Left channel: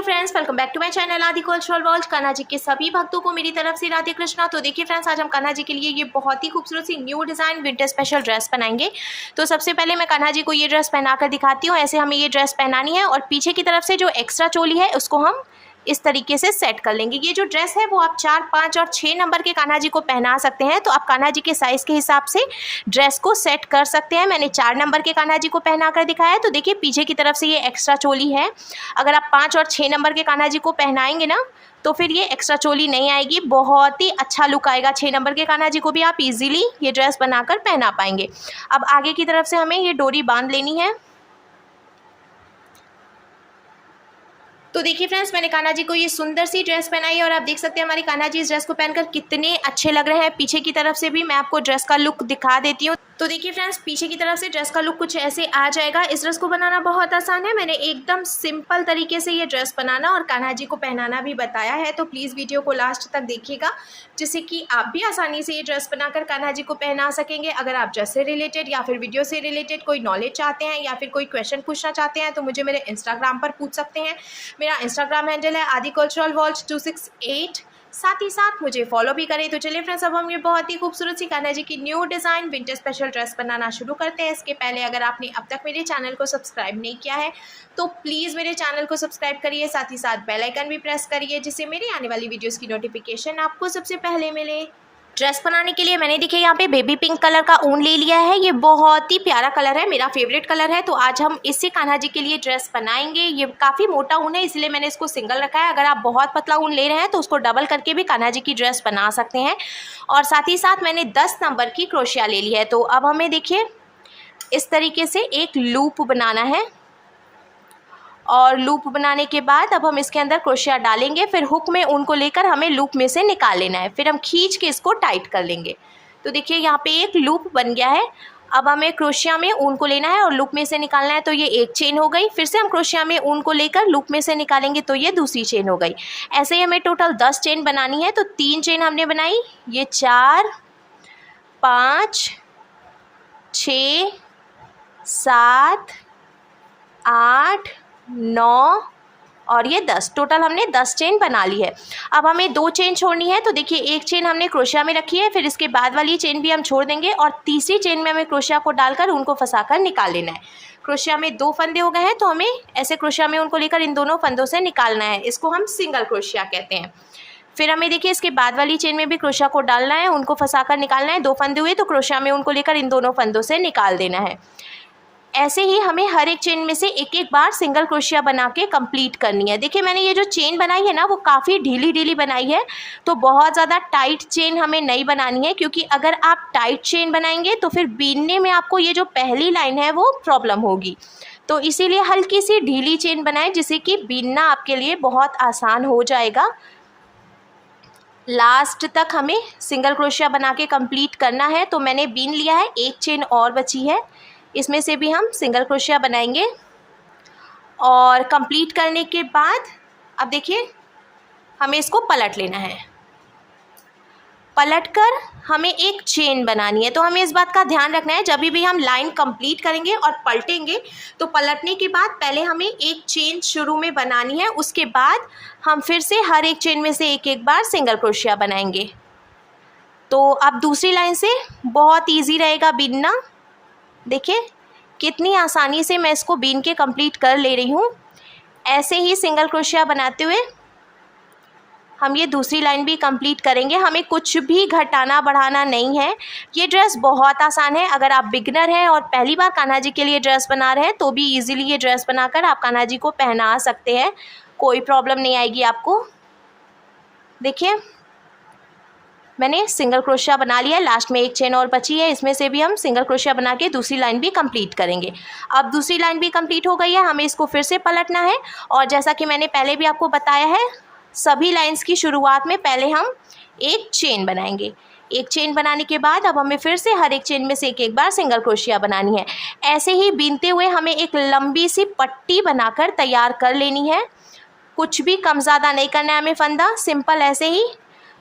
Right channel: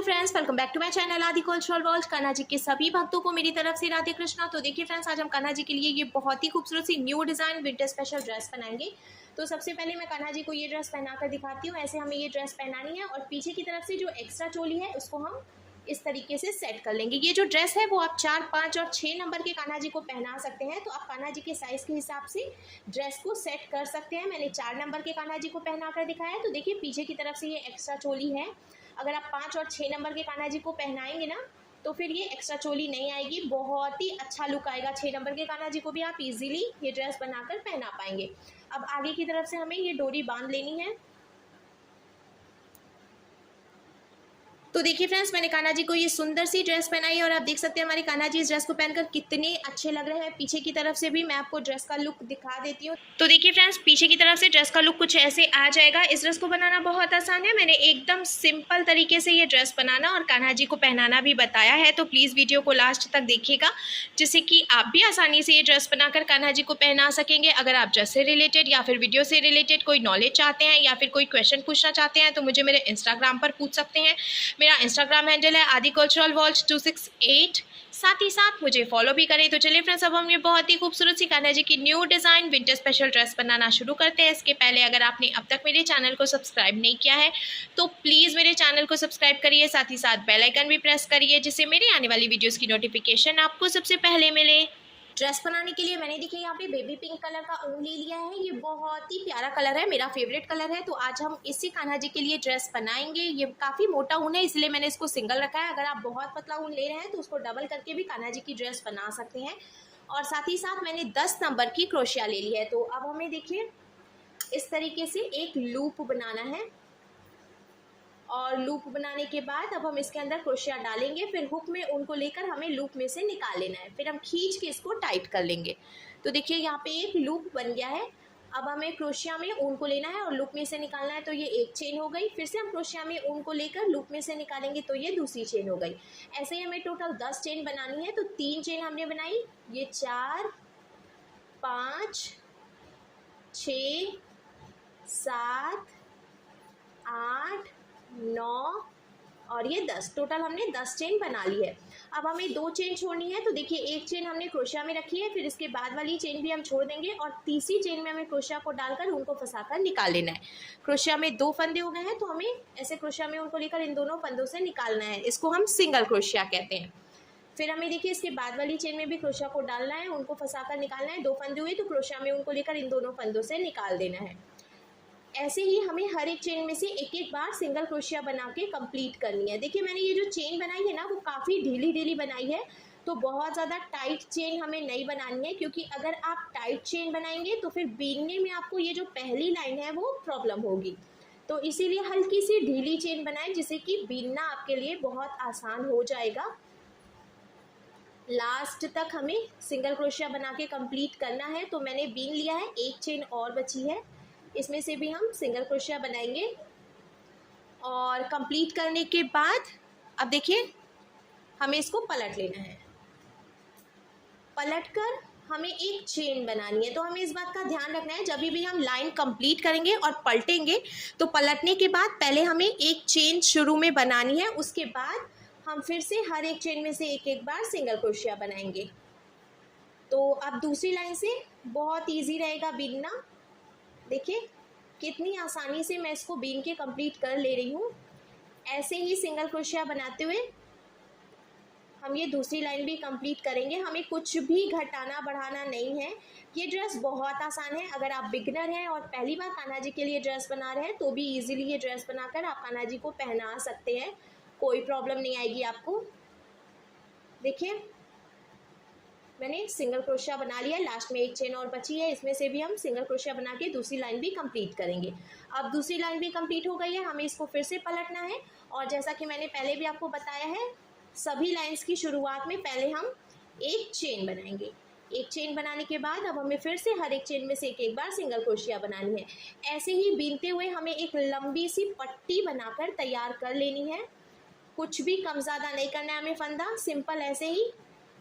Hello friends, welcome back to my channel Aadi cultural world. Kanha ji के सभी भक्तों को मेरी तरफ से राधे कृष्णा। तो देखिए फ्रेंड्स, आज हम कान्हा जी के लिए ये बहुत ही खूबसूरत सी new design winter special dress बनाएंगे। तो सबसे पहले मैं कान्हा जी को ये ड्रेस पहनाकर दिखाती हूँ। ऐसे हमें ये ड्रेस पहनानी है और पीछे की तरफ से जो एक्स्ट्रा चोली है उसको हम इस तरीके से सेट कर लेंगे। ये जो ड्रेस है वो आप 4, 5 और 6 नंबर के कान्हा जी को पहना सकते हैं। तो आप कान्हा जी के साइज़ के हिसाब से ड्रेस को सेट कर सकते हैं। मैंने 4 नंबर के कान्हा जी को पहना कर दिखाया है। तो देखिए पीछे की तरफ से ये एक्स्ट्रा चोली है। अगर आप 5 और 6 नंबर के कान्हा जी को पहनाएंगे ना तो फिर ये एक्स्ट्रा चोली नहीं आएगी, बहुत ही अच्छा लुक आएगा। 6 नंबर के कान्हा जी को भी आप इजीली ये ड्रेस बनाकर पहना पाएंगे। अब आगे की तरफ से हमें ये डोरी बांध लेनी है। तो देखिए फ्रेंड्स, मैंने कान्हा जी को ये सुंदर सी ड्रेस पहनाई है और आप देख सकते हैं हमारे कान्हा जी इस ड्रेस को पहनकर कितने अच्छे लग रहे हैं। पीछे की तरफ से भी मैं आपको ड्रेस का लुक दिखा देती हूँ। तो देखिए फ्रेंड्स, पीछे की तरफ से ड्रेस का लुक कुछ ऐसे आ जाएगा। इस ड्रेस को बनाना बहुत आसान है। मैंने एकदम सिंपल तरीके से ये ड्रेस बनाना और कान्हा जी को पहनाना भी बताया है। तो प्लीज़ वीडियो को लास्ट तक देखिएगा, जिससे कि आप भी आसानी से ये ड्रेस बनाकर कान्हा जी को पहना सकेंगे। अगर आप ड्रेस से रिलेटेड या फिर वीडियो से रिलेटेड कोई नॉलेज चाहते हैं या फिर कोई क्वेश्चन पूछना चाहते हैं तो मुझे मेरे इंस्टाग्राम पर पूछ सकते हैं। मेरा इंस्टाग्राम हैंडल है आदि कल्चरल वर्ल्ड 268। साथ ही साथ मुझे फॉलो भी करें। तो चलिए फ्रेंड्स, अब हम ये बहुत ही खूबसूरत सी कान्हा जी की new design winter special dress बनाना शुरू करते हैं। इसके पहले अगर आपने अब तक मेरे चैनल को सब्सक्राइब नहीं किया है तो प्लीज़ मेरे चैनल को सब्सक्राइब करिए, साथ ही साथ बेल आइकन भी प्रेस करिए, जिससे मेरे आने वाली वीडियोज़ की नोटिफिकेशन आपको सबसे पहले मिले। ड्रेस बनाने के लिए मैंने देखिए यहाँ पे बेबी पिंक कलर का ऊन ले लिया है। ये बहुत ही प्यारा कलर है, मेरा फेवरेट कलर है। तो आज हम इससे कान्हा जी के लिए ड्रेस बनाएंगे। ये काफ़ी मोटा ऊन है, इसलिए मैंने इसको सिंगल रखा है। अगर आप बहुत पतला ऊन ले रहे हैं तो उसको डबल करके भी कान्हा जी की ड्रेस बना सकते हैं। और साथ ही साथ मैंने 10 नंबर की क्रोशिया ले ली है। तो अब हमें देखिए इस तरीके से एक लूप बनाना है और लूप बनाने के बाद अब हम इसके अंदर क्रोशिया डालेंगे। फिर हुक में ऊन को लेकर हमें लूप में से निकाल लेना है। फिर हम खींच के इसको टाइट कर लेंगे। तो देखिए यहाँ पे एक लूप बन गया है। अब हमें क्रोशिया में ऊन को लेना है और लूप में से निकालना है। तो ये एक चेन हो गई। फिर से हम क्रोशिया में ऊन को लेकर लूप में से निकालेंगे तो ये दूसरी चेन हो गई। ऐसे ही हमें टोटल 10 चेन बनानी है। तो 3 चेन हमने बनाई, ये 4, 5, 6, 7, 8, 9 और ये 10, टोटल हमने 10 चेन बना ली है। अब हमें 2 चेन छोड़नी है। तो देखिए एक चेन हमने क्रोशिया में रखी है, फिर इसके बाद वाली चेन भी हम छोड़ देंगे और तीसरी चेन में हमें क्रोशिया को डालकर उनको फंसाकर निकाल लेना है। क्रोशिया में 2 फंदे हो गए हैं, तो हमें ऐसे क्रोशिया में उनको लेकर इन दोनों फंदों से निकालना है। इसको हम सिंगल क्रोशिया कहते हैं। फिर हमें देखिए इसके बाद वाली चेन में भी क्रोशिया को डालना है, उनको फंसाकर निकालना है। 2 फंदे हुए तो क्रोशिया में उनको लेकर इन दोनों फंदों से निकाल देना है। ऐसे ही हमें हर एक चेन में से एक एक बार सिंगल क्रोशिया बना के कंप्लीट करनी है। देखिए मैंने ये जो चेन बनाई है ना वो काफ़ी ढीली ढीली बनाई है। तो बहुत ज़्यादा टाइट चेन हमें नहीं बनानी है, क्योंकि अगर आप टाइट चेन बनाएंगे तो फिर बीनने में आपको ये जो पहली लाइन है वो प्रॉब्लम होगी। तो इसीलिए हल्की सी ढीली चेन बनाएं, जिससे कि बीनना आपके लिए बहुत आसान हो जाएगा। लास्ट तक हमें सिंगल क्रोशिया बना के कंप्लीट करना है। तो मैंने बीन लिया है, एक चेन और बची है, इसमें से भी हम सिंगल क्रोशिया बनाएंगे। और कंप्लीट करने के बाद अब देखिए हमें इसको पलट लेना है। पलटकर हमें एक चेन बनानी है। तो हमें इस बात का ध्यान रखना है, जब भी हम लाइन कंप्लीट करेंगे और पलटेंगे तो पलटने के बाद पहले हमें एक चेन शुरू में बनानी है। उसके बाद हम फिर से हर एक चेन में से एक एक बार सिंगल क्रोशिया बनाएंगे। तो अब दूसरी लाइन से बहुत ईजी रहेगा बीनना। देखिए कितनी आसानी से मैं इसको बीन के कंप्लीट कर ले रही हूँ। ऐसे ही सिंगल क्रोशिया बनाते हुए हम ये दूसरी लाइन भी कंप्लीट करेंगे। हमें कुछ भी घटाना बढ़ाना नहीं है। ये ड्रेस बहुत आसान है। अगर आप बिगनर हैं और पहली बार कान्हा जी के लिए ड्रेस बना रहे हैं तो भी इजीली ये ड्रेस बनाकर आप कान्हा जी को पहना सकते हैं, कोई प्रॉब्लम नहीं आएगी आपको। देखिए मैंने सिंगल क्रोशिया बना लिया है, लास्ट में एक चेन और बची है, इसमें से भी हम सिंगल क्रोशिया बना के दूसरी लाइन भी कंप्लीट करेंगे। अब दूसरी लाइन भी कंप्लीट हो गई है, हमें इसको फिर से पलटना है। और जैसा कि मैंने पहले भी आपको बताया है, सभी लाइंस की शुरुआत में पहले हम एक चेन बनाएंगे। एक चेन बनाने के बाद अब हमें फिर से हर एक चेन में से एक एक बार सिंगल क्रोशिया बनानी है। ऐसे ही बीनते हुए हमें एक लंबी सी पट्टी बनाकर तैयार कर लेनी है। कुछ भी कम ज़्यादा नहीं करना है हमें फंदा, सिंपल ऐसे ही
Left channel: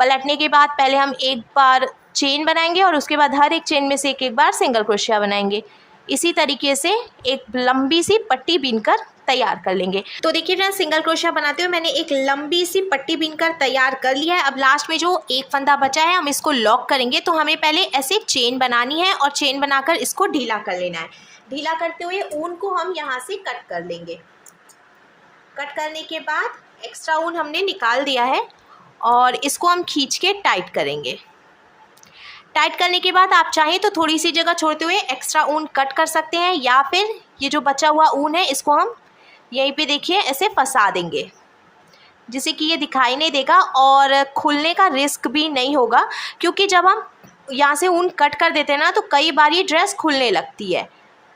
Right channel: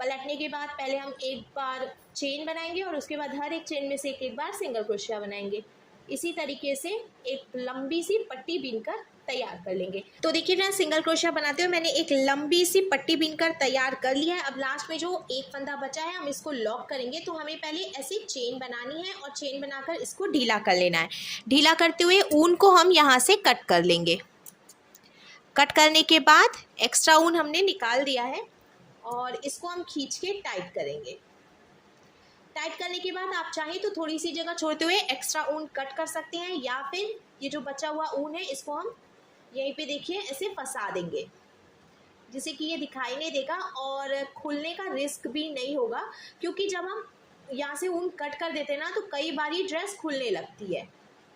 पलटने के बाद पहले हम एक बार चेन बनाएंगे और उसके बाद हर एक चेन में से एक एक बार सिंगल क्रोशिया बनाएंगे। इसी तरीके से एक लंबी सी पट्टी बीनकर तैयार कर लेंगे। तो देखिए फ्रेंड्स, सिंगल क्रोशिया बनाते हुए मैंने एक लंबी सी पट्टी बीनकर तैयार कर लिया है। अब लास्ट में जो एक फंदा बचा है हम इसको लॉक करेंगे। तो हमें पहले ऐसे चेन बनानी है और चेन बनाकर इसको ढीला कर लेना है। ढीला करते हुए ऊन को हम यहाँ से कट कर लेंगे। कट करने के बाद एक्स्ट्रा ऊन हमने निकाल दिया है और इसको हम खींच के टाइट करेंगे। टाइट करने के बाद आप चाहें तो थोड़ी सी जगह छोड़ते हुए एक्स्ट्रा ऊन कट कर सकते हैं, या फिर ये जो बचा हुआ ऊन है इसको हम यहीं पे देखिए ऐसे फंसा देंगे, जिससे कि ये दिखाई नहीं देगा और खुलने का रिस्क भी नहीं होगा। क्योंकि जब हम यहाँ से ऊन कट कर देते हैं ना, तो कई बार ये ड्रेस खुलने लगती है।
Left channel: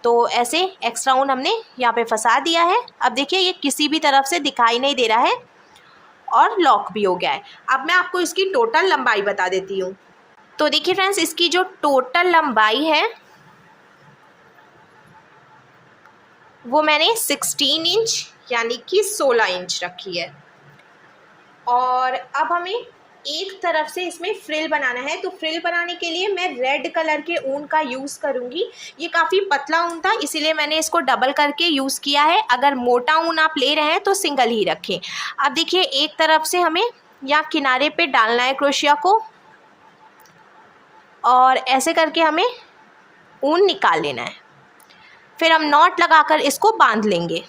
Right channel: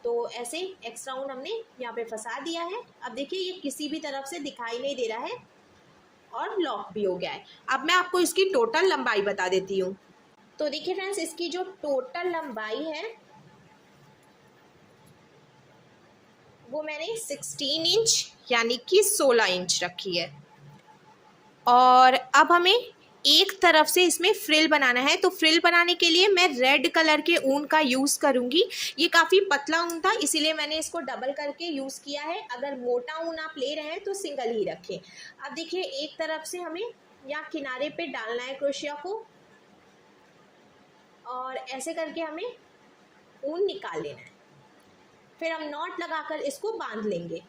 तो ऐसे एक्स्ट्रा ऊन हमने यहाँ पे फंसा दिया है। अब देखिए ये किसी भी तरफ से दिखाई नहीं दे रहा है और लॉक भी हो गया है। अब मैं आपको इसकी टोटल लंबाई बता देती हूँ। तो देखिए फ्रेंड्स, इसकी जो टोटल लंबाई है वो मैंने 16 इंच यानी कि 16 इंच रखी है। और अब हमें एक तरफ से इसमें फ्रिल बनाना है। तो फ्रिल बनाने के लिए मैं रेड कलर के ऊन का यूज़ करूँगी। ये काफ़ी पतला ऊन था, इसीलिए मैंने इसको डबल करके यूज़ किया है। अगर मोटा ऊन आप ले रहे हैं तो सिंगल ही रखें। अब देखिए एक तरफ से हमें यहाँ किनारे पे डालना है क्रोशिया को, और ऐसे करके हमें ऊन निकाल लेना है। फिर हम नॉट लगाकर इसको बांध लेंगे।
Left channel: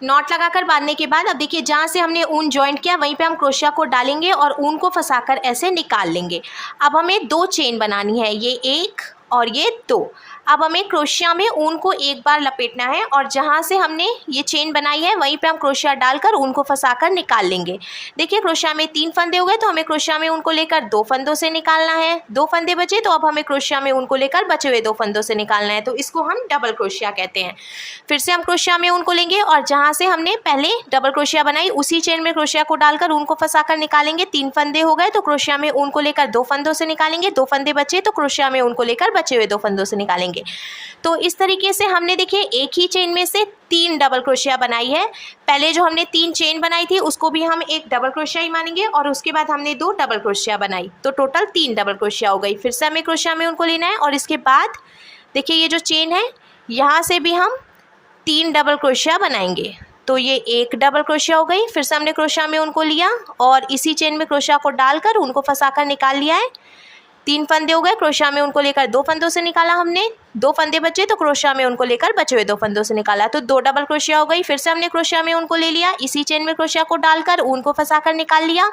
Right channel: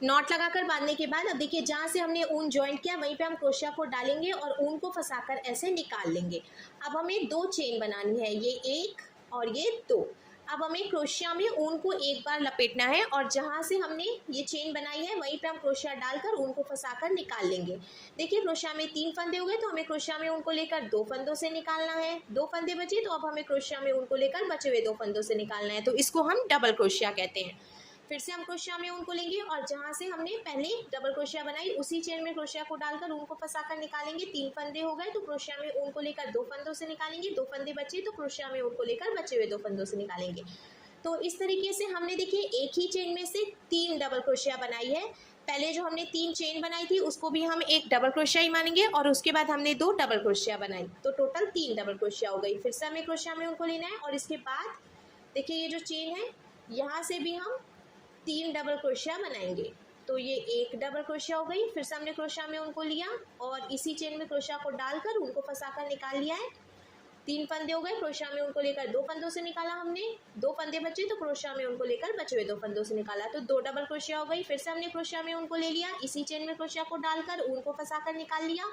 नॉट लगाकर बांधने के बाद अब देखिए जहाँ से हमने ऊन जॉइंट किया वहीं पे हम क्रोशिया को डालेंगे और ऊन को फंसाकर ऐसे निकाल लेंगे। अब हमें 2 चेन बनानी है, ये 1 और ये 2। अब हमें क्रोशिया में ऊन को एक बार लपेटना है और जहाँ से हमने ये चेन बनाई है वहीं पे हम क्रोशिया डालकर ऊन को फंसाकर निकाल लेंगे। देखिए क्रोशिया में 3 फंदे हो गए, तो हमें क्रोशिया में ऊन को लेकर 2 फंदों से निकालना है। 2 फंदे बचे, तो अब हमें क्रोशिया में ऊन को लेकर बचे हुए 2 फंदों से निकालना है। तो इसको हम डबल क्रोशिया कहते हैं। फिर से हम क्रोशिया में ऊन को लेंगे और जहाँ से हमने पहले डबल क्रोशिया बनाई उसी चेन में क्रोशिया को डालकर ऊन को फंसाकर निकालेंगे। 3 फंदे हो गए, तो क्रोशिया में ऊन को लेकर 2 फंदों से निकालेंगे। 2 फंदे बचे, तो क्रोशिया में ऊन को लेकर बचे हुए 2 फंदों से निकालेंगे। तो इस तरीके से हमने देखिए एक ही चेन में से 3 डबल क्रोशिया बनाई है। पहले जो हमने 3 चेन बनाई थी उसको भी हम एक डबल क्रोशिया ही मानेंगे, और उसके बाद हमने 2 डबल क्रोशिया बनाई, तो टोटल 3 डबल क्रोशिया हो गई। फिर से हमें क्रोशिया में उनको लेना है और इसके बाद देखिए ये जो चेन है यहाँ से भी हम 3 डबल क्रोशिया बनाएंगे। तो ये 1 डबल क्रोशिया हो गई। फिर से हमने क्रोशिया में उनको लिया और इसी चेन में क्रोशिया को डालकर उनको फंसाकर निकाल लिया है। 3 फंदे हो गए, क्रोशिया में उनको लेकर 2 फंदों से निकाला हमने। 2 फंदे बचे, तो क्रोशिया में उनको लेकर बचे हुए 2 फंदों से निकाला, तो 2 डबल क्रोशिया हो गई। फिर से हमने क्रोशिया में उनको ले लिया, इसी चेन में क्रोशिया को डालकर ऊन को फंसाकर निकाल लिया।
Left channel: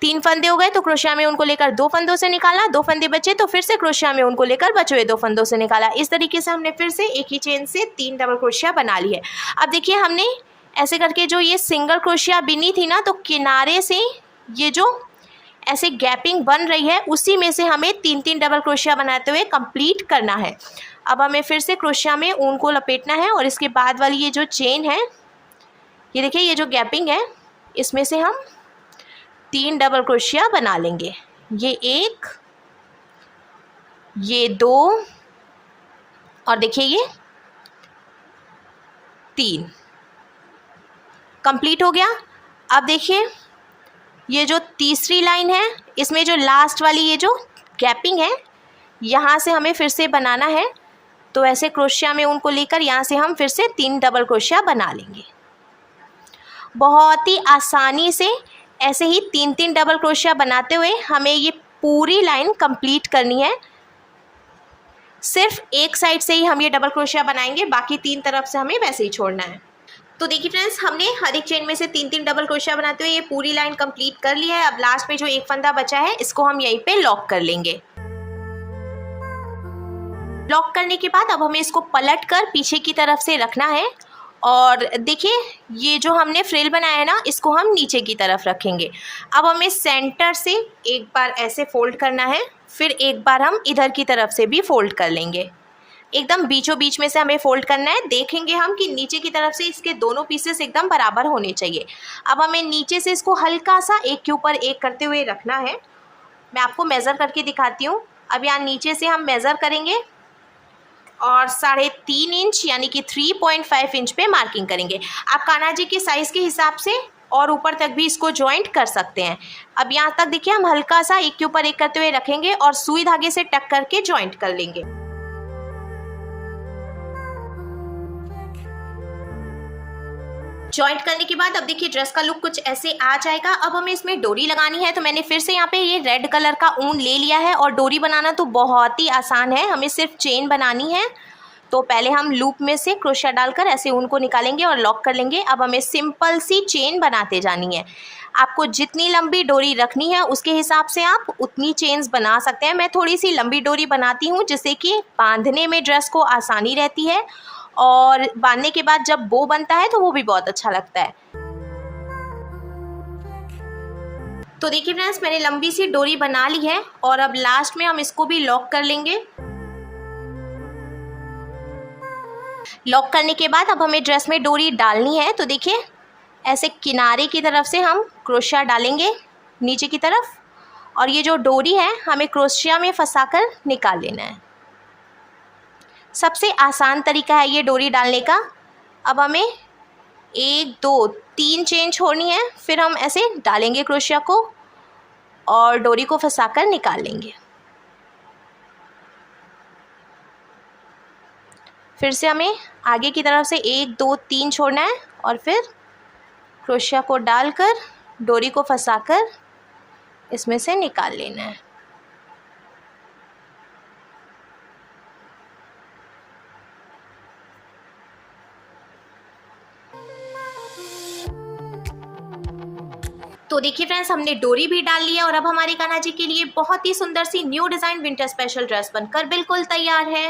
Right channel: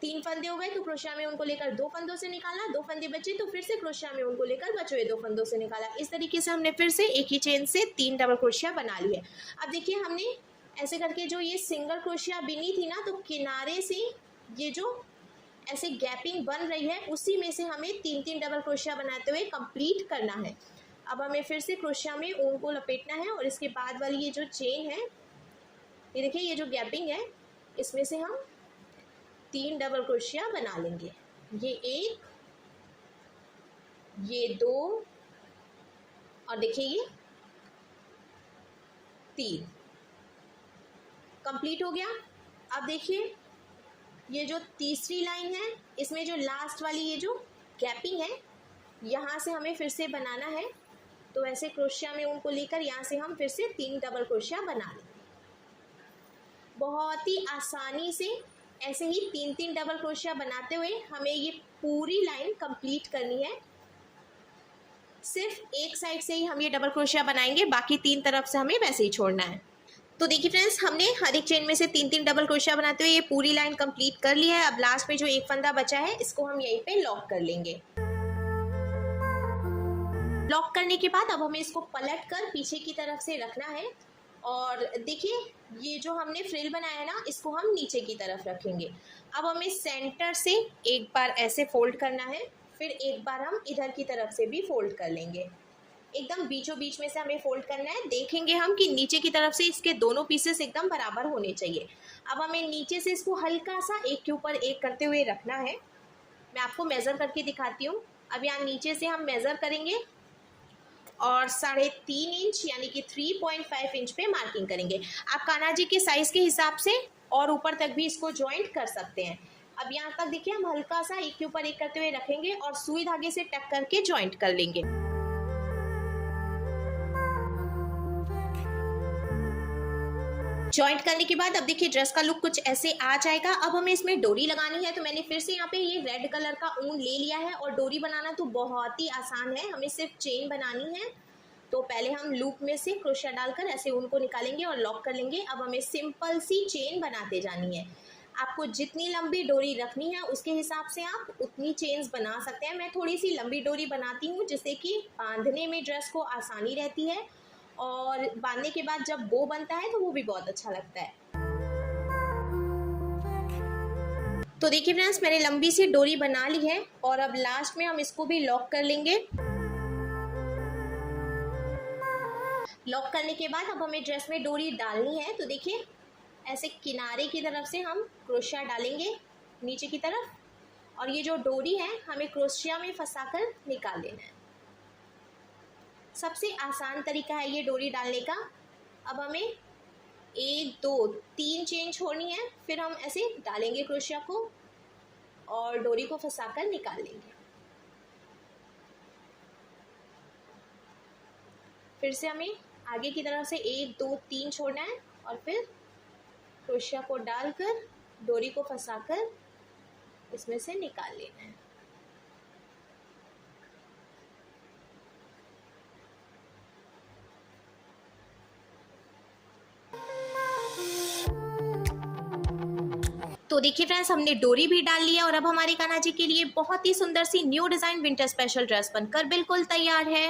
3 फंदे हो गए, तो क्रोशिया में उनको लेकर 2 फंदों से निकाला। 2 फंदे बचे, तो फिर से क्रोशिया में उनको लेकर बचे हुए 2 फंदों से निकाला। इस तरीके से हमने फिर से एक ही चेन से 3 डबल क्रोशिया बना ली है। अब देखिए हमने ऐसे करके जो ये सिंगल क्रोशिया बिनी थी ना, तो किनारे से ये जो ऐसे गैपिंग बन रही है उसी में से हमें 3-3 डबल क्रोशिया बनाते हुए कंप्लीट करना है। अब हमें फिर से क्रोशिया में ऊन को लपेटना है और इसके बाद वाली ये जो चेन है, ये देखिए ये जो गैपिंग है इसमें से हम 3 डबल क्रोशिया बना लेंगे। ये 1, ये 2 और देखिए ये 3 कंप्लीट हो गया। अब देखिए ये जो तीसरी लाइन है इसमें जो लास्ट वाली ये जो गैपिंग है यहाँ से हमें फिर से बनाना है। तो ऐसे क्रोशिया में उनको लेकर यहाँ से हम फिर से 3 डबल क्रोशिया बना लेंगे। बहुत ही आसानी से ऐसे ही 3-3 डबल क्रोशिया बनाते हुए हमें ये पूरी लाइन कंप्लीट करनी है। सिर्फ एक साइड से ही हम ये डबल क्रोशिया बनाएंगे, बाकी 3 तरफ से हमें वैसे ही छोड़ना है। तो देखिए फ्रेंड्स, हमने हर एक चेन में से 3-3 डबल क्रोशिया बनाते हुए ये पूरी लाइन कंप्लीट कर ली है। अब लास्ट में जो एक फंदा बचा है इसको हम यहीं पे लॉक कर लेंगे। लॉक करने के बाद अब हमें इसको पलट कर पीछे की तरफ से रखना है। और देखिए ये जो हमने फ्रिल बनाया है ना, इसको हम नीचे की तरफ रखेंगे। अब हमें सेंटर से एक बार ऐसे फोल्ड करना है, फिर एक बार हम इधर की तरफ से भी फोल्ड कर लेंगे। एकदम बीचों बीच में से हमें फोल्ड करना है। देखेंगे हम कि नीचे की तरफ से इसके दोनों पीसेस एकदम बराबर होने चाहिए। अब हमें नीचे से इसको हल्का सा एक के ऊपर एक करते हुए रखना है। मैं आपको मेज़र करके दिखाती हूँ। अब यहाँ नीचे से हम मेज़र करेंगे और 3.5 इंच यानी कि 3.5 इंच पे मार्किंग करेंगे। आप कान्हा जी के साइज़ के हिसाब से और ऊपर तक भी इसको जॉइंट कर सकते हैं। अब यहाँ तक देखिए हम हल्का सा एक के ऊपर एक करते हुए रखेंगे और सुई धागे से टक करके जॉइंट कर लेंगे। जॉइंट करने के बाद अब देखिए ड्रेस का लुक कुछ ऐसे आ जाएगा। अब हमें इसमें डोरी लगानी है, तो मैंने फिर से यहाँ पे ये रेड कलर का ऊन ले लिया है। और डोरी बनाना तो बहुत ही आसान है, हमें सिर्फ चेन बनानी है। तो पहले हम लूप में से क्रोशिया डालकर ऐसे ऊन को निकालेंगे और लॉक कर लेंगे। अब हमें सिंपल सी चेन बनाते जानी है। आपको जितनी लंबी डोरी रखनी है उसके हिसाब से आप उतनी चेन्स बना सकते हैं। मैं थोड़ी सी लंबी डोरी बनाती हूँ जिससे कि बांधने में ड्रेस को आसानी रहती है, और बांधने के बाद जब बो बनता है तो वो भी बहुत अच्छा लगता है। तो देखिए फ्रेंड्स, मैंने लंबी सी डोरी बना ली है और अब लास्ट में हम इसको भी लॉक कर लेंगे। लॉक करने के बाद अब हमें ड्रेस में डोरी डालनी है। तो देखिए ऐसे किनारे की तरफ से हम क्रोशिया डालेंगे नीचे की तरफ, और ये जो डोरी है हमें क्रोशिया में फंसाकर निकाल लेना है। सबसे आसान तरीका है ये डोरी डालने का। अब हमें 1 2 3 चेन छोड़नी है, फिर हम ऐसे डालेंगे क्रोशिया को और डोरी को फंसाकर निकाल लेंगे। फिर से हमें आगे की तरफ से 1 2 3 छोड़ना है और फिर क्रोशिया को डालकर डोरी को फंसाकर इसमें से निकाल लेना है। तो देखिए फ्रेंड्स, हमने डोरी भी डाल लिया और अब हमारे कान्हा जी के लिए बहुत ही सुंदर सी new design winter special dress बनकर बिल्कुल तैयार है।